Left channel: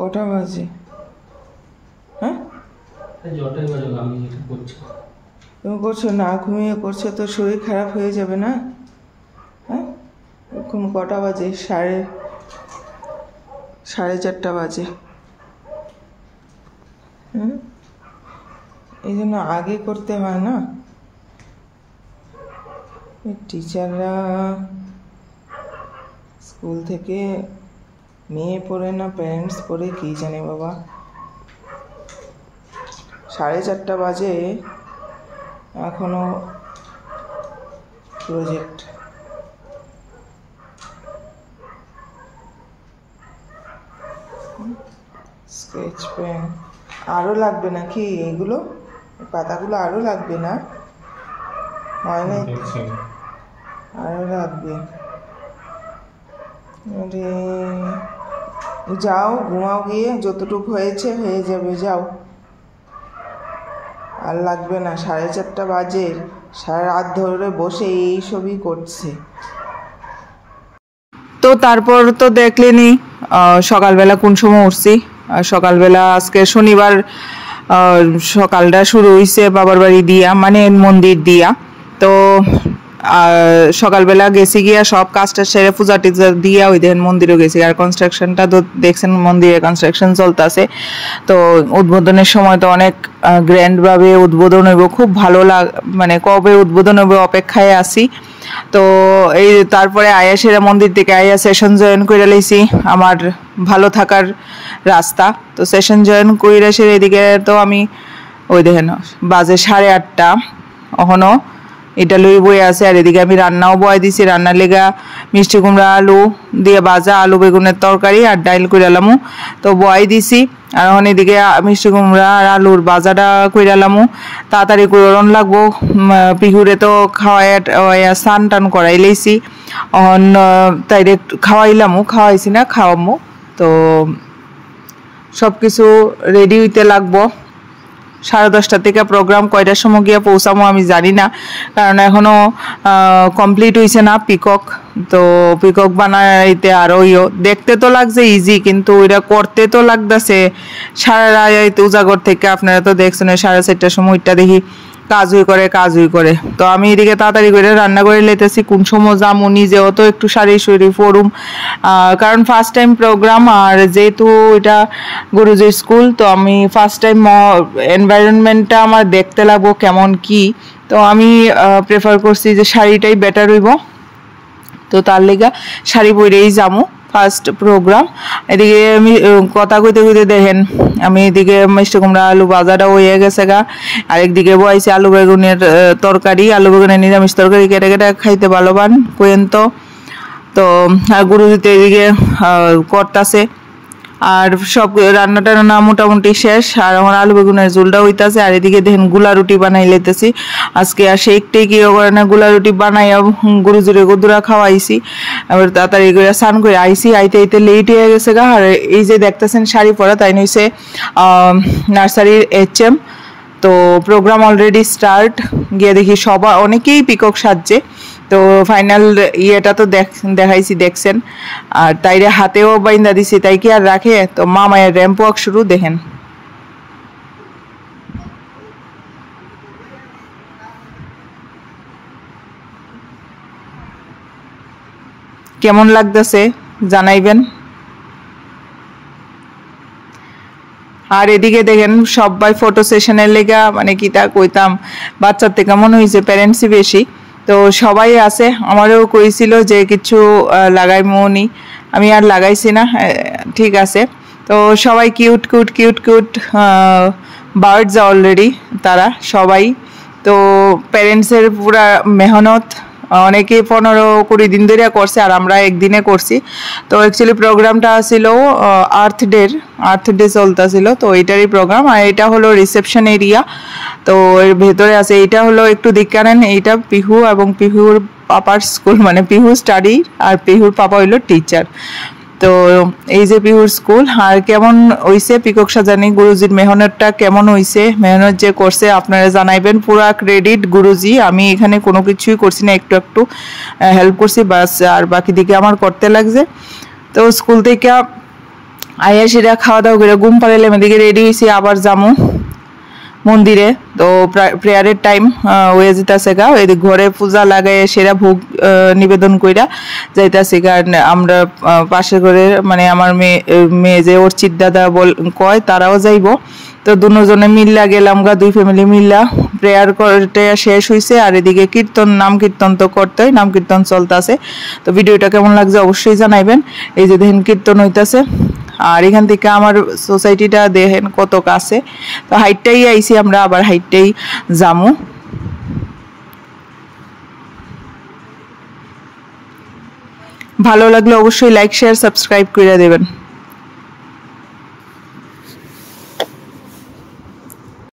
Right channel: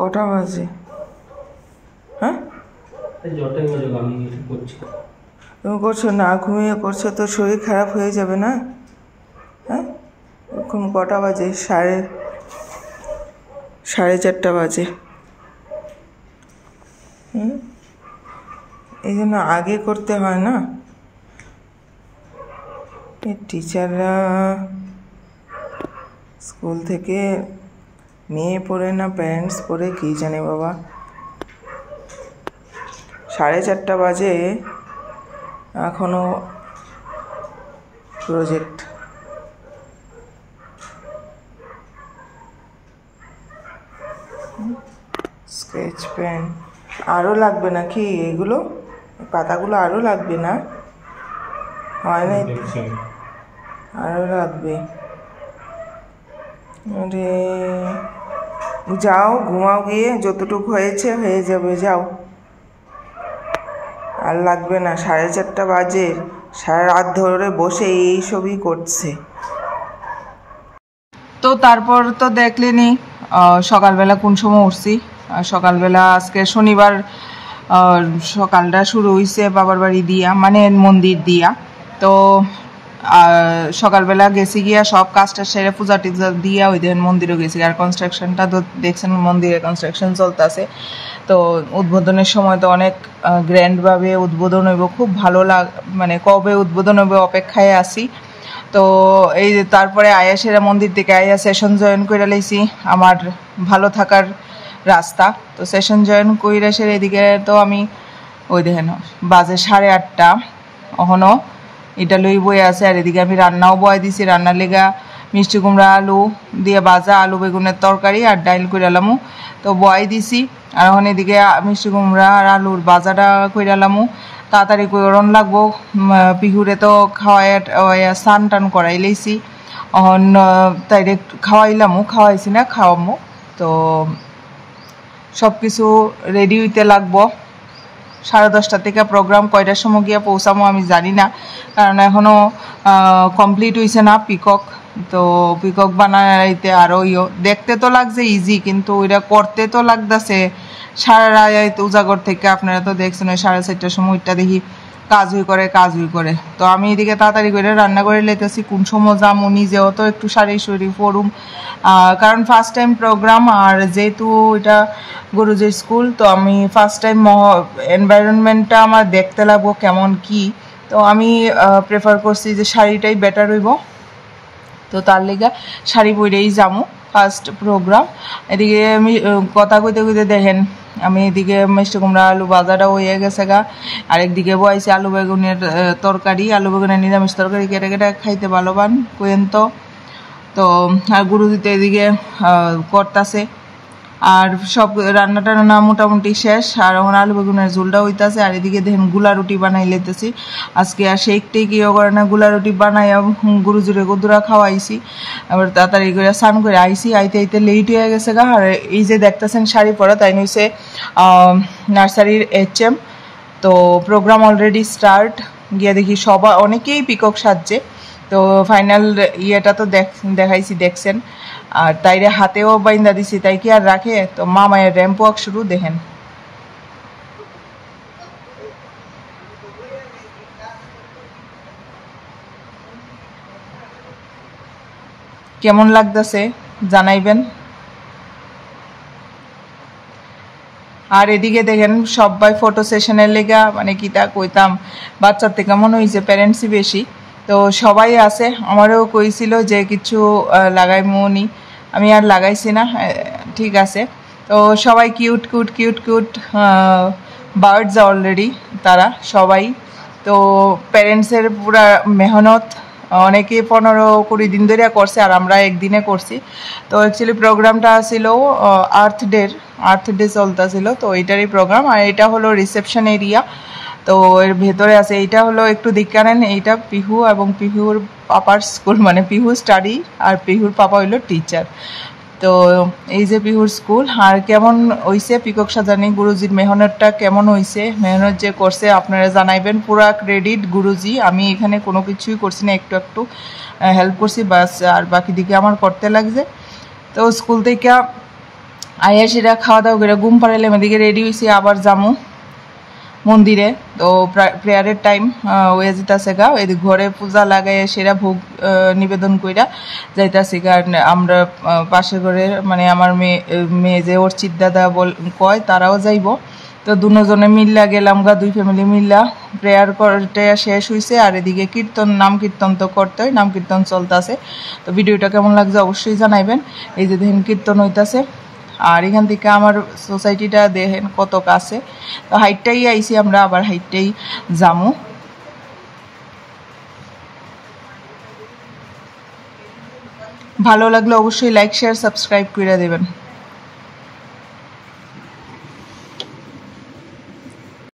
কটা বাজে? হ্যাঁ তুমি করছো না, ঘুমিয়ে করছো তো শরীর খারাপ হয়ে যাবে না? হ্যাঁ এখন কটা বাজে? সাড়ে 4:30 বাজে। এই জন্য আগে করতে হয় না। টিচাররা স্কুল থেকে মেয়ে পড়ে না প্যারেন্টস পড়ে কী জানে বাবা। 4:30 বাজে এখনো প্রজেক্ট। স্কেচ পেন আরও লাগবে নাকি? এগুলো পাতাগুলো আরও লাগবে না? হয় না, আরও লাগবে। আরে যাও ঘুমাও গিয়ে, যতটুকু হয়েছে হয়ে যাবে, যাও। আর লাগবে না, 4:30 বাজে, সারা রাত ধরে বসে এই সবই করছে। তো তারপর তো দেখলেনি সকালবেলা কোন সময় উঠছি। সকালবেলা আজকে শনিবার সকালটা শুরু হয়েছে বাবার বাড়ি দিয়া, মানে মন্দির দিয়া। তো সকালবেলা গেছি গিয়া সব কাজটা সেরে পূজা টিজা দিয়া ওই দিন মন্দিরও গেছি। আর কনস্ট্রাকশনটা তো দেখছেন, মন্দিরে কনস্ট্রাকশন চলতেছে। তো উদ্বোধনের সময় তো অনেক গ্র্যান্ডভাবে উদ্বোধন হইব, খুব ভালো মানে কবে উদ্বোধন হইব অপেক্ষায় আছি। তো এই তারপরে আয়াসের মন্দির থেকে আয়া সেশন জয়েন করে লাইছি, আমার ভালো থাকার রাস্তা। তো সেশন জয়েন করে এসে এদিকে তো আমি ওই দেখেন বাজে 8:30 এখনও এটা লই বই আছে। আর এদিকে আমি রান্নাও বয় দিছি, রান্নার লেগা মিষ্টি কুমড়া আলু দিয়ে ভাজা, আলু বেগুনের তরকারি আর ডাইল কইরালামু তো বয় দিছি। আর এখন এদিকে মিষ্টি কুমড়া আর আলুর ভাজাটা কইরালামু, তাড়াতাড়ি করন লাগবো। পিহুরে তো খাওয়াই স্নান টান করাই লাইছি, এখন তাই খাওয়াইছি না, খাওয়ামু। তো সব কিছু রেডি হইতে লাগবো। 10:30 থেকে প্রোগ্রাম, কয়টার সময় গিয়ে পৌঁছামো আমি জানি না, কারণ এখনো কমপ্লিট হয়েছে না পিকক। তো পিকক বানাইতে আরো দেখতে তো লাগছে ইজি, কিন্তু ওইটা করতে তো লাগতেছে সারা রাত উজাগর থেকে। আপনারা তো দেখছেন 4:30টার সময় ওইটা দেখি কাজই করে। তো আমি এদিকে তাড়াতাড়ি করে রান্না করে লেতেছি, কোন সময় যাবো, নিজেও তো একটু শাড়ি পরুম, কারণ ফার্স্ট টাইম প্রোগ্রাম। আর যেহেতু এটা গুরুজির স্কুল, তো আমি ফার্স্ট টাইম এনভায়রনমেন্টটা আমার দেখতে লাগবো কেমন কি। তো আমি প্রেফার করছি যে শাড়িটাই বেটার হইব। তো তার লেগা শাড়ি পরেই যাবো ফার্স্ট প্রোগ্রাম। এদিকে আমি কথা কইতে দেখেন, আমি এদিকে মিষ্টি কুমড়া আলু ভাজাটা হয়ে গেছে গা, আরেকদিকে বয়েছি আলু বেগুনের তরকারি, আলু বেগুনের নিরামিষ তরকারি কেটে খাইতে ভালোবান কোয়েন। তো আর গুরুজিতে এদিকে করতেছে, আর সব রান্না টান্না মোটামুটি শেষ। আর এখন আলু বেগুনের ঝোলটা হইতাছে। আর এদিকে দেখেন গুলা রুটি বানাই লেতেছি আজকে। আর সেইটাই কি করে না, গুলা রুটি বানাইয়া গুরুজুরে গদুরা খাওয়াইছি। আবার তাড়াতাড়ি করে স্নান করে আইছি, আইতে লেট হয়ে গেছে গা। আর এই যে দেখতেছেন শাড়ি পরা, তাই নইছে নার্সারির HM। তো প্রোগ্রাম অলরেডি স্টার্ট, গিয়ে দেখি সবাই অনেকেই পিকক সাজছে। তো ফাইনাল ইয়েটা তো দেখাইছি, দেখছেন। আর তাইরে হাতেও বাইন্দা দিছি, তাই কি আর রাখে। তো মায়ের র্যাম্প ওয়াক শুরু, দেখেন কেমন লাগতেছে জানাইবেন। আর এদিকে দেখেন সবাই ফটো সেশনের লেগা, মানে কি তা কইতাম, বাচ্চার থেকে মনে হয়েছে প্যারেন্টসই বেশি। তো সবাই আছে, আমারও কইছিল যে কিছু লাগাই মনি, আমি আর লাগাইছি না, ঠিক আছে। তো সবাই কিউট বার্ডস অলরেডি, তারা সবাই। তো প্যারেন্টসের পুরা মেহনত, অনেকে 15-20 দিন ধরে করছে, আর আমরা একদিনে করছি। তো অ্যাকচুয়ালি প্রোগ্রামটা ছিল আর্থ ডে চলতেছিল, তো এইটারই প্রোগ্রাম। আর এটা হলো রিসেপশন এরিয়া। তো এর ভেতরে আছে, এইটা হলো একটু দিকে নেন, এইটা পিহু এবং পিহুর পাপার স্কুল, মানে পিহু স্টাডি আর পিহুর পাপা হইলো টিচার। তো এই যে পিহুর স্কুল। আর কেমন হইছে পিকক সাজানি, গুরুজির মেহনতটা কেমন হইছে, মেহনত যে করছে আপনারা জানাইবেন। পুরা ক্রেডিট গুরুজি, আমি এখানে কোনো কিছুই করছি না, একটু হেল্প করছি বাস, আর বাকি দিকে আমার করতে লাগছে। তো স্কুল থেকে আয়া সেটা খাওয়া দাওয়া করে ঘুম পাড়াইলাম, এদিকে রেডি হয়েছি আবার যামু মন্দিরে। তো প্রেয়ারের টাইম হয়ে যেতেছে গা, এদিক ঘরে পূজা লাগাই সেরা ভোগ নিবেদন কইরা যাইতাছি। কারণ আমরা পাশে করে মানে আমার মেয়ে যে ওর চিদ্দাদা কয় তারাও যাইব, তো দুজনে মিল্লা গেলাম গা, 2 ফ্যামিলি মিল্লা প্রেয়ার করতে শেষ হয়েছে। আর এদিকে কীর্তন, নাম কীর্তন তো করতেই, নাম কীর্তন চলতেছে। তো ভিডিওটা কেমন লাগছে অবশ্যই জানাইবেন। এই যে দেখেন কীর্তন হইতাছে, আর এখান থেকে আমার সোসাইটিটা দেখেন কত কাছে। তো হাইটটাই আইছি আমরা, আবার হাইটটাই যামু। ভালো লাগলে অবশ্যই লাইক শেয়ার সাবস্ক্রাইব করে দেবেন।